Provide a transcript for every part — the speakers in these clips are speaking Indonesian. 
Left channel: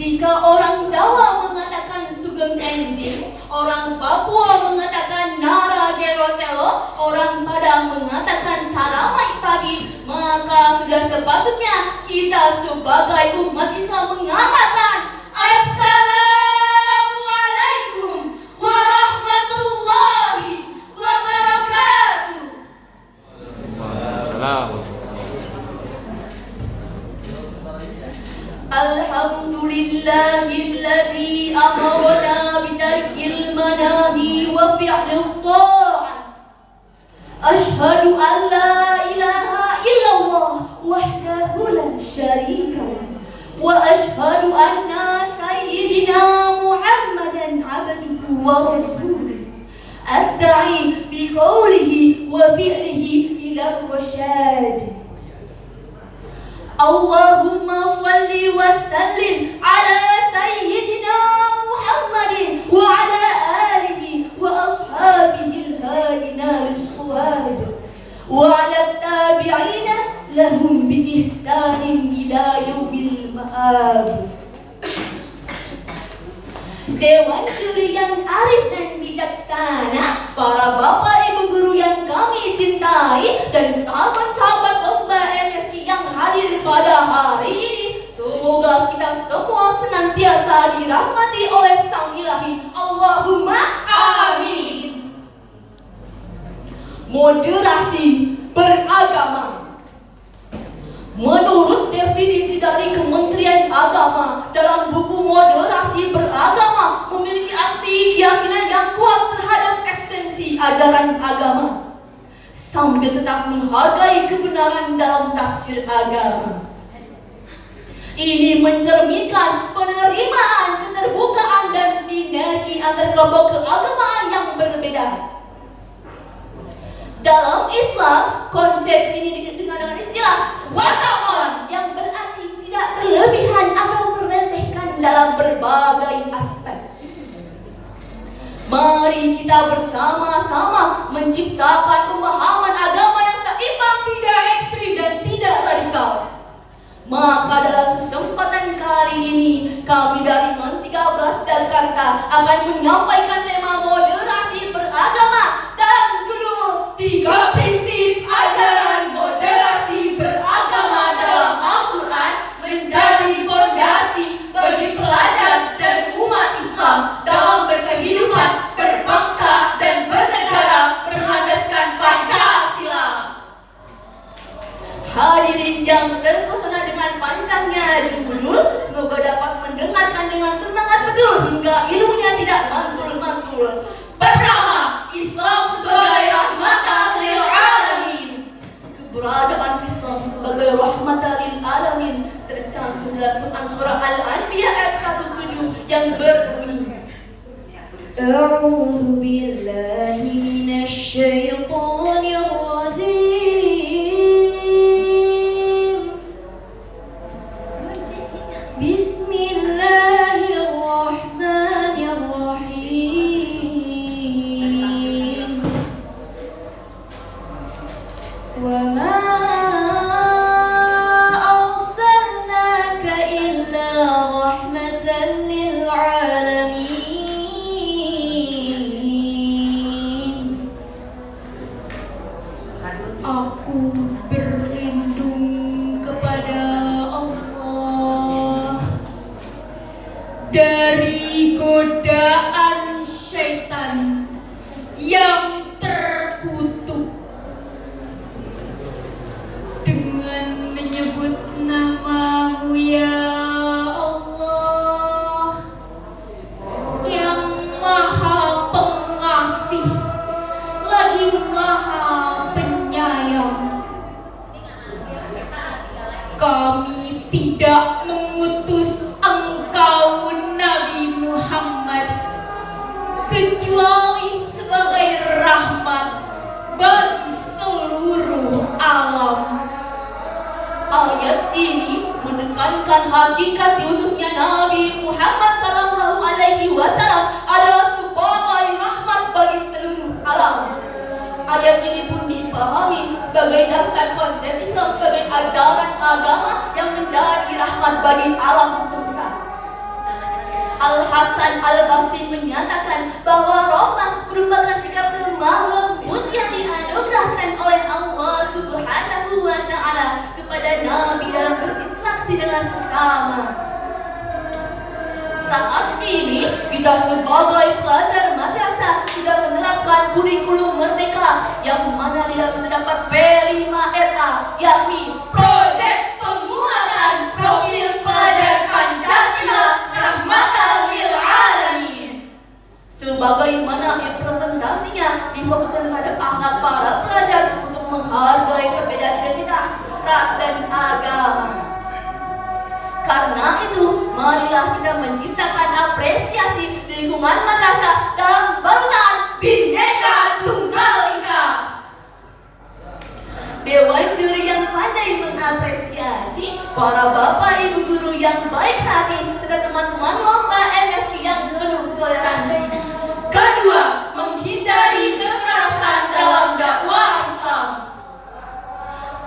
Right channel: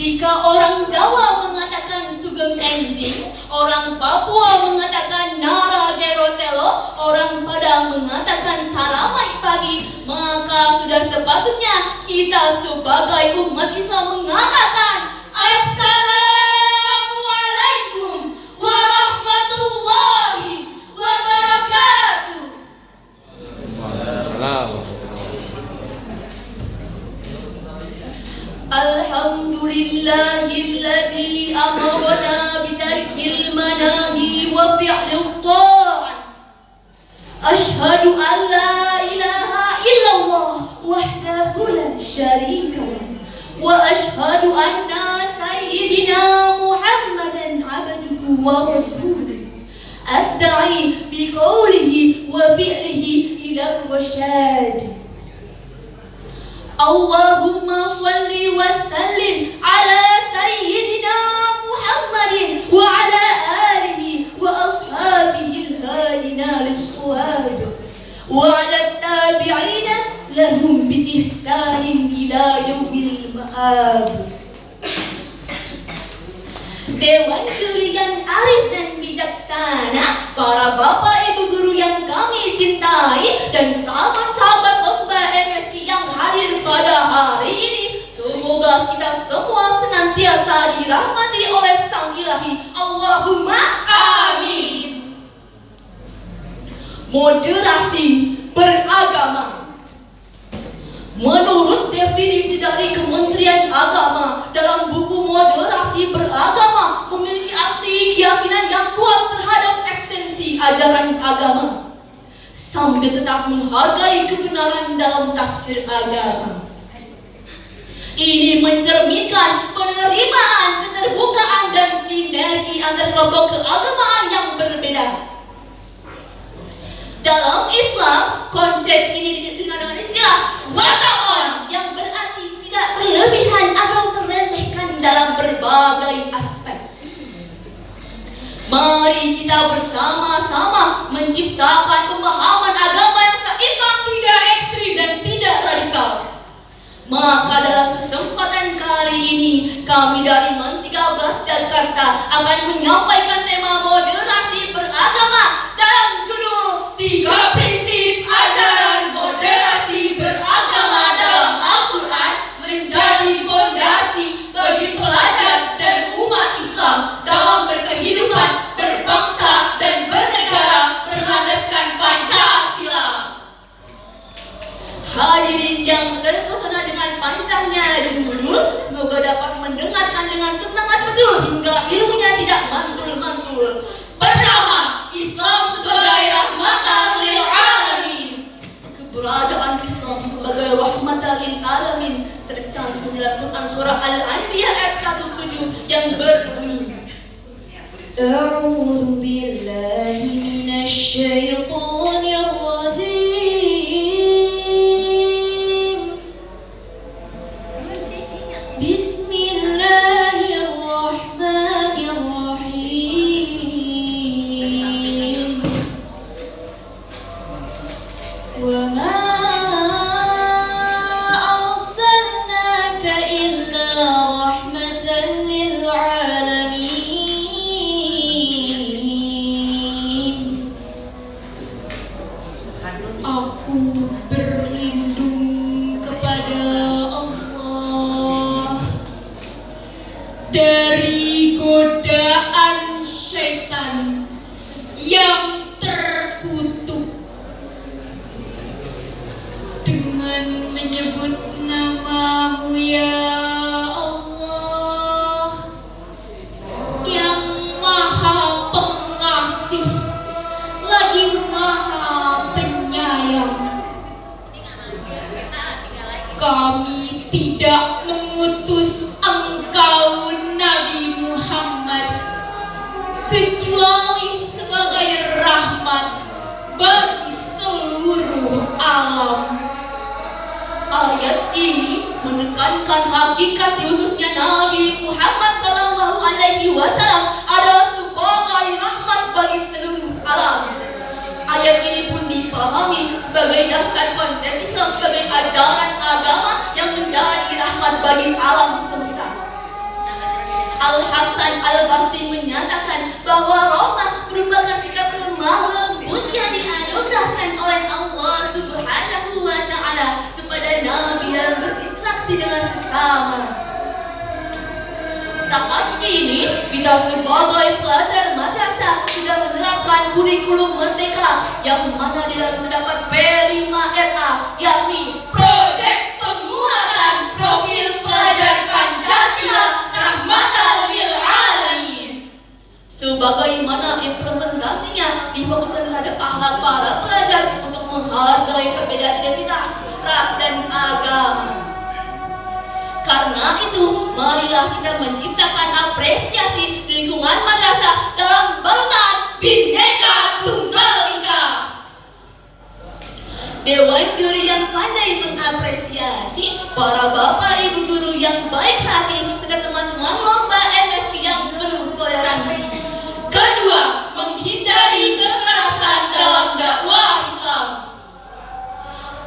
Jika orang Jawa mengatakan sugeng enjing, orang Papua mengatakan nara gerotelo, orang Padang mengatakan salamai pagi, maka sudah sepatutnya kita sebagai umat Islam mengatakan Assalamualaikum warahmatullahi wabarakatuh. Alhamdulillahilladzi amarna bitarkil manahi wa fi'lil ta'at. Asyhadu an la ilaha illallah wahdahu la syarika lah. Wa asyhadu anna sayyidina Muhammadan abduhu wa rasuluh. Adda'i biqaulihi wa fi'lihi ila rasyad. Allahumma salli wa sallim ala sayyidina Muhammadin wa ala alihi wa ashabihi al-hadina lis-suwad wa ala tabi'ina lahum bi ihsanin ila yaumil ma'ab. Dewan juri yang arif dan bijaksana, para bapak ibu guru yang kami cintai, dan sahabat-sahabat lomba MSI yang hadir pada hari ini, semoga kita semua senantiasa dirahmati oleh Sang Ilahi. Allahumma amin. Moderasi beragama. Menurut definisi dari Kementerian Agama, dalam buku Moderasi Beragama memiliki arti keyakinan yang kuat terhadap esensi ajaran agama, sambil tetap menghargai kebenaran dalam tafsir agama. Ini mencerminkan penerimaan, keterbukaan, dan sinergi antar kelompok keagamaan yang berbeda. Dalam Islam, konsep ini dengan istilah wasa'on, yang berarti tidak berlebihan atau meremehkan dalam berbagai aspek. Mari kita bersama-sama menciptakan pemahaman agama yang seimbang, tidak ekstrim dan tidak radikal. Maka dalam kesempatan kali ini, kami dari MAN 13 Jakarta akan menyampaikan tema moderasi beragama dalam judul 3 prinsip ajaran moderasi beragama dalam Al-Quran menjadi fondasi bagi pelajar dan umat Islam dalam berkehidupan, berbangsa, dan bernegara berlandaskan Pancasila. Hadirin yang terpesona dengan panjangnya judul, semoga dapat mendengarkan dengan semangat betul hingga ilmunya tidak mantul-mantul. Pertama, Islam sebagai rahmatan lil alamin. Keberadaan Islam sebagai rahmatan lil alamin tercantum dalam Quran surah Al-Anbiya ayat 107 yang berbunyi, A'udzu billahi minasy syaithanir rajim. Bismillahirrahmanirrahim. Wa ma arsalnaka illa rahmatan lil alamin. Aku berlindung kepada Allah dari godaan syaitan yang terkutuk dengan menyebut nama-Mu ya Allah, yang Maha Pengasih lagi Maha Penyayang. Kami tidak mengutus Engkau Nabi Muhammad kecuali sebagai rahmat bagi seluruh alam. Ayat ini menekankan hakikat diutusnya Nabi Muhammad SAW adalah sebagai rahmat bagi seluruh alam. Ayat ini pun dipahami sebagai dasar konsep Islam sebagai ajaran agama yang menjadi rahmat bagi alam semesta. Al-Hasan Al-Basri menyatakan bahwa rahmah merupakan sikap lemah lembut yang dianugerahkan oleh Allah Subhanahu wa Ta'ala kepada Nabi dalam berinteraksi dengan sesama. Saat ini kita sebagai pelajar madrasah sudah menerapkan kurikulum merdeka yang mana di dalam terdapat P5RA, yakni Proyek Penguatan Profil Pelajar Pancasila Rahmatan lil Alamin. Sebagaimana implementasinya difokuskan terhadap akhlak para pelajar untuk menghargai perbedaan identitas, ras, dan agama. Karena itu, marilah kita menciptakan apresiasi di lingkungan madrasah dalam balutan Bhinneka Tunggal Ika. Dewan juri yang pandai mengapresiasi, para bapak ibu guru yang baik hati, serta teman-teman lomba MSQ yang penuh toleransi. Kedua, menghindari kekerasan dalam dakwah Islam.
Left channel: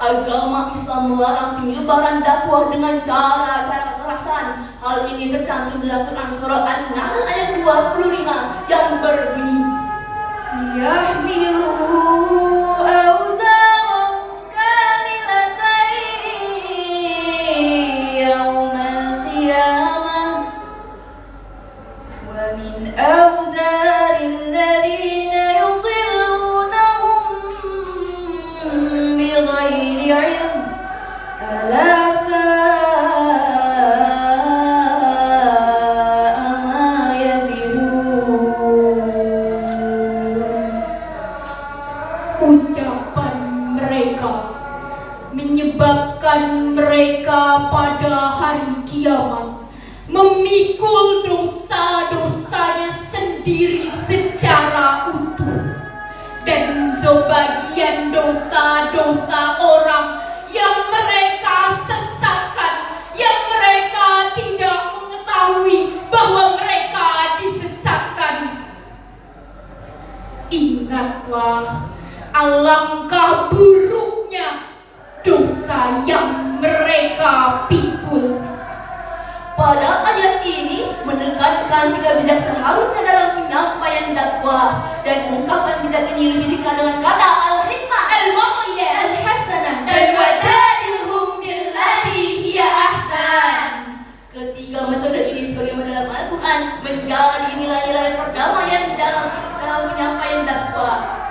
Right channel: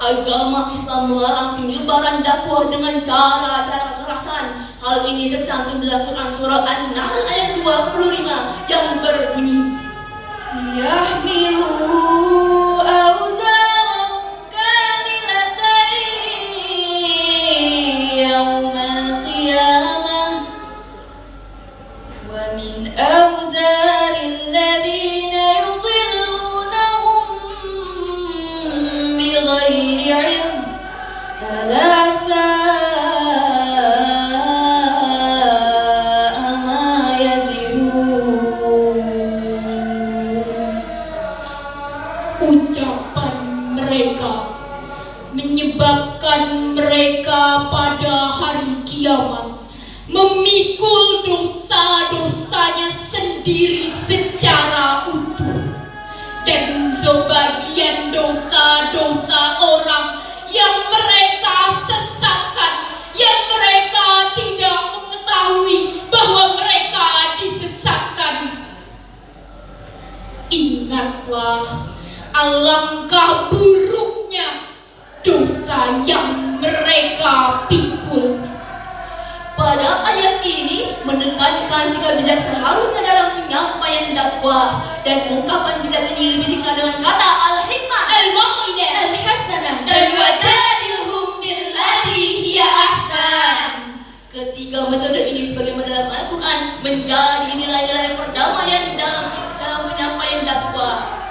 Agama Islam melarang penyebaran dakwah dengan cara-cara kekerasan. Hal ini tercantum dalam Quran surah An-Nahl ayat 25 yang berbunyi, Yahmilu awzarahum kamilatan yawmal qiyamah wa min awzaril ladzina yudhillunahum bighairi ilm ala sa'a ma yazirun. Ucapan mereka menyebabkan mereka pada hari kiamat memikul dosa-dosanya sendiri secara utuh, dan sebagian dosa-dosa orang yang mereka sesatkan, yang mereka tidak mengetahui bahwa mereka disesatkan. Ingatlah alangkah buruknya dosa yang mereka pikul. Pada ayat ini menekankan sikap bijak seharusnya dalam penyampaian dakwah, dan ungkapan bijak ini lebih dikenal dengan kata al-hikmah al-mau'idah al-hasanah dan wajadilhum billati hiya ahsan. Ketiga metode ini sebagaimana dalam Al-Quran menjadi nilai-nilai perdamaian dalam penyampaian dakwah.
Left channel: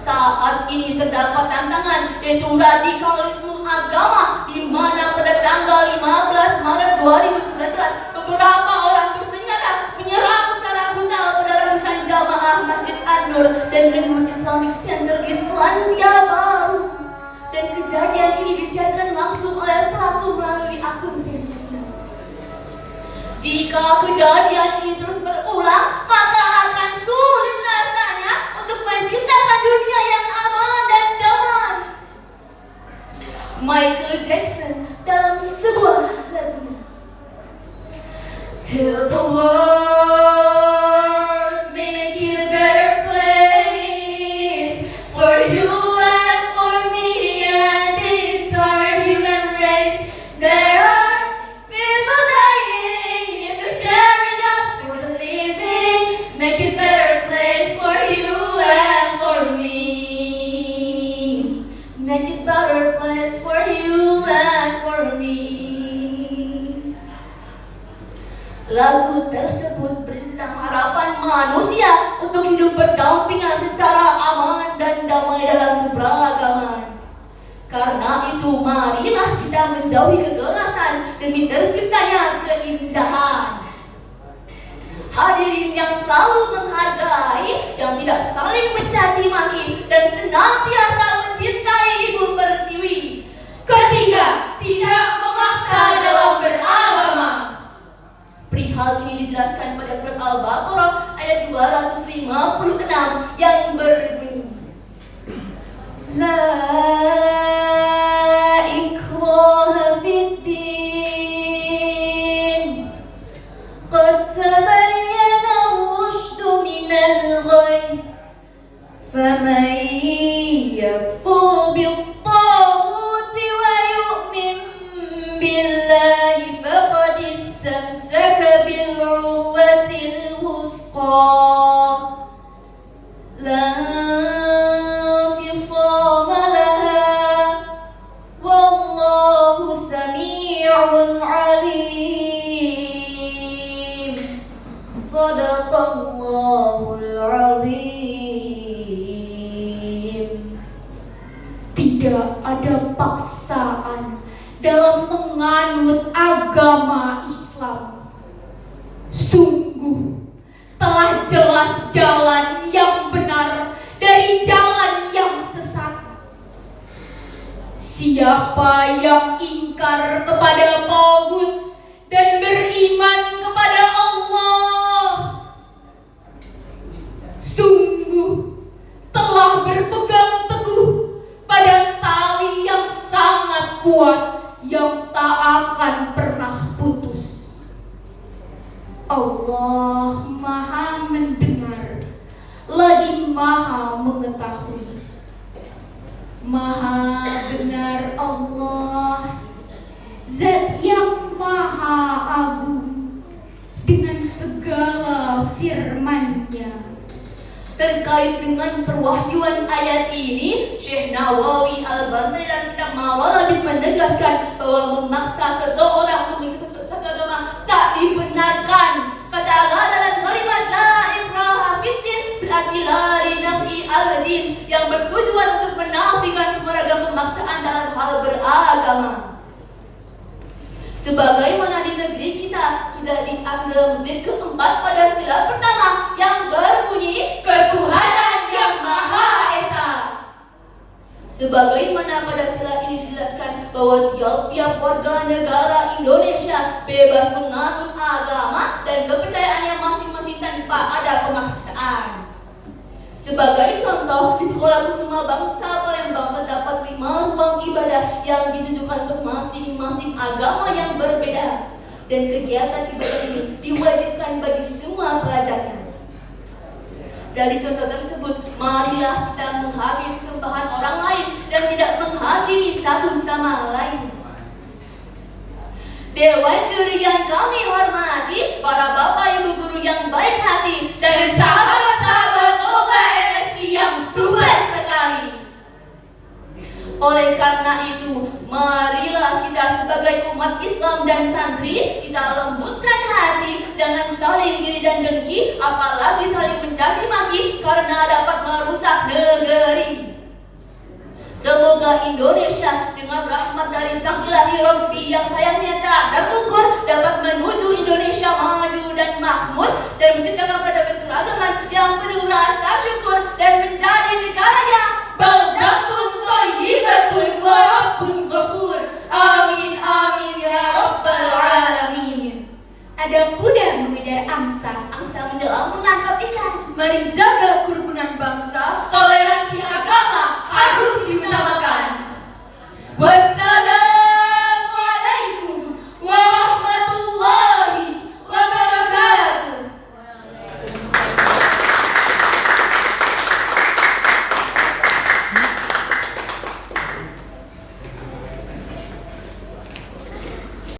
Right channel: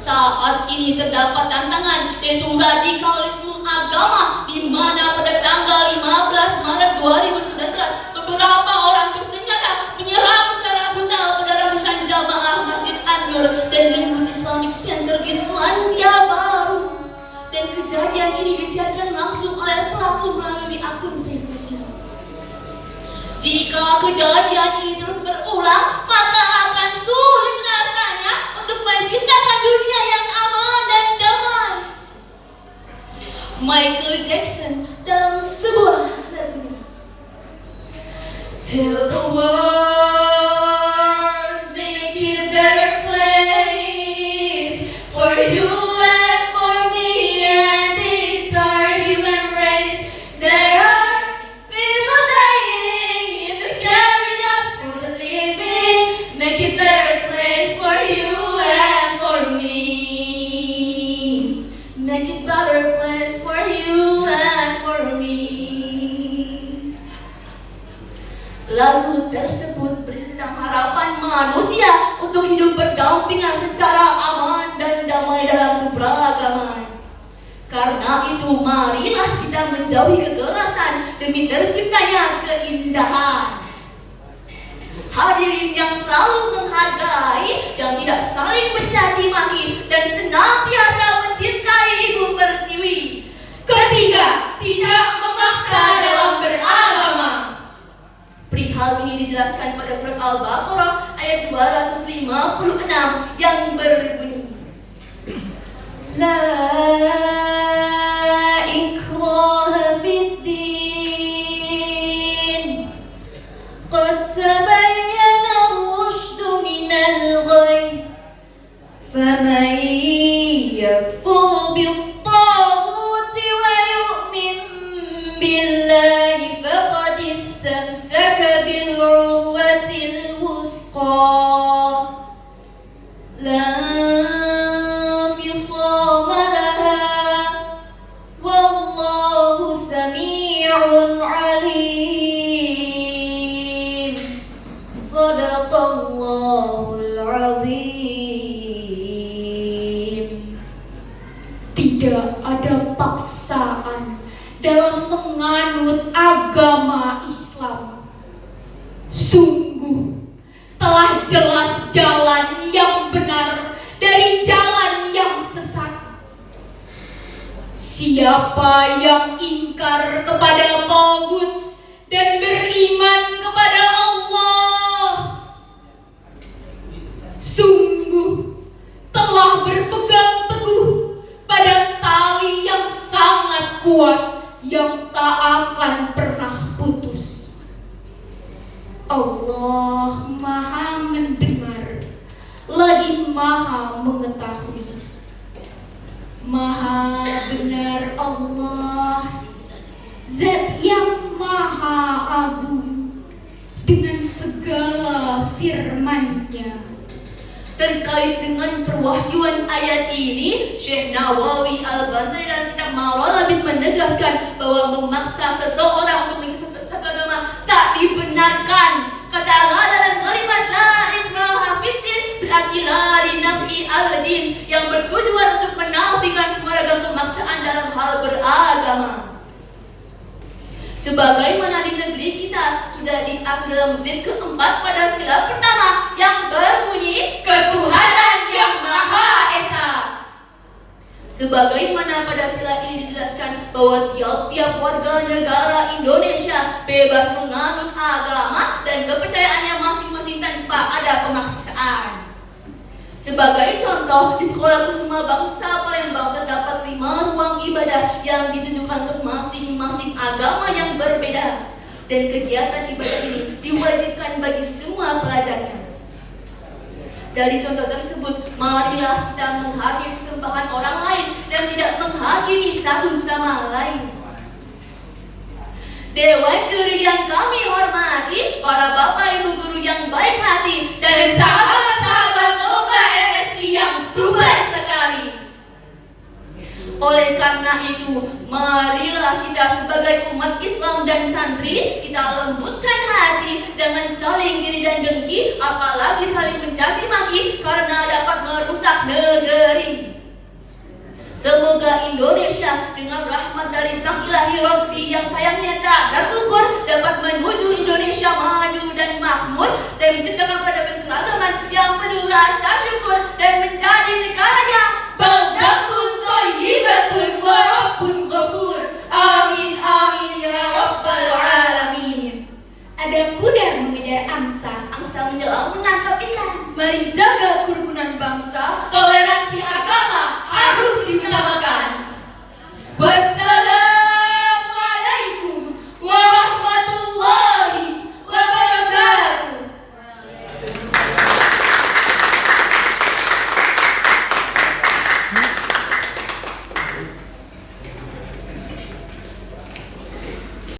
Saat ini terdapat tantangan, yaitu radikalisme agama, di mana pada tanggal 15 Maret 2019 beberapa orang bersenjata menyerang secara brutal pada ratusan jamaah Masjid An-Nur dan lingkungan Islamic Center di Selandia Baru. Dan kejadian ini disiarkan langsung oleh pelaku melalui akun Facebooknya. Jika kejadian ini terus berulang, maka akan sulit rasanya untuk menciptakan dunia yang aman dan damai. Michael Jackson dalam sebuah lagunya, Heal the world, make it a better place for you and for me and the entire human race. There are people dying if you care enough for the living. Make it a better place for you and for me. Make it a better place for you and for me. Lagu tersebut berisi tentang harapan manusia untuk hidup berdampingan secara aman dan damai dalam keberagaman. Karena itu, marilah kita menjauhi kekerasan demi terciptanya keindahan. Hadirin yang selalu menghargai, yang tidak saling mencaci maki, dan senantiasa mencintai Ibu Pertiwi. Ketiga, tidak memaksa dalam beragama. Perihal ini dijelaskan pada surat Al-Baqarah ayat 256 yang berbunyi, La ikraha fid din, qad tabayyana ar-rushdu minal ghayy, faman yakfur bit-taghuti wa yu'min billahi faqad istamsaka Tidak ada paksaan dalam menganut agama Islam. Sungguh telah jelas jalan yang benar dari jalan yang sesat. Siapa yang ingkar kepada Tauhid dan beriman kepada Allah, sungguh telah berpegang teguh pada tali yang sangat kuat yang tak akan pernah putus. Allah Maha mendengar, lagi Maha mengetahui. Maha benar Allah, Zat yang Maha Agung dengan segala firman-Nya. Terkait dengan perwahyuan ayat ini, Syekh Nawawi Al-Albani dan kitab Mawaribin menegaskan bahwa memaksa seseorang untuk mengikuti satu agama tak dibenarkan. Katakanlah dalam kalimat la ikraha fiddin berarti la linafi al-jins yang bertujuan untuk menafikan semua ragam pemaksaan dalam hal beragama. Sebagaimana di negeri kita sudah diatur dalam bait keempat pada sila pertama yang berbunyi ketuhanan yang Maha Esa. Sebagaimana pada sila ini dijelaskan bahwa tiap-tiap warga negara Indonesia bebas menganut agama dan kepercayaannya masing-masing tanpa ada pemaksaan. Sebagai contoh, di Sekolah Kusuma Bangsa Palembang terdapat 5 ruang ibadah yang ditujukan untuk masing-masing agama yang berbeda. Dan kegiatan ibadah ini diwajibkan bagi semua pelajarnya. Dari contoh tersebut, marilah kita menghakimi sembahan orang lain dan tidak menghakimi satu sama lain. Dewan guru yang kami hormati, para bapak ibu guru yang baik hati, dan sahabat-sahabat OBA MSI yang super sekali. Oleh karena itu, marilah kita sebagai umat Islam dan santri, kita lembutkan hati, jangan saling iri dan dengki, apalagi saling mencaci maki karena dapat merusak negeri. Semoga Indonesia dengan rahmat dari Sang Ilahi Rabbi yang sayangnya tak terukur dapat menuju Indonesia maju dan makmur dan menciptakan peradaban keragaman yang penuh rasa syukur dan menjadi negara yang baldatun thayyibatun wa rabbun ghafur. Amin amin ya rabbal alamin. Ada kuda mengejar angsa, angsa menjelang menangkap ikan. Mari jaga kerukunan bangsa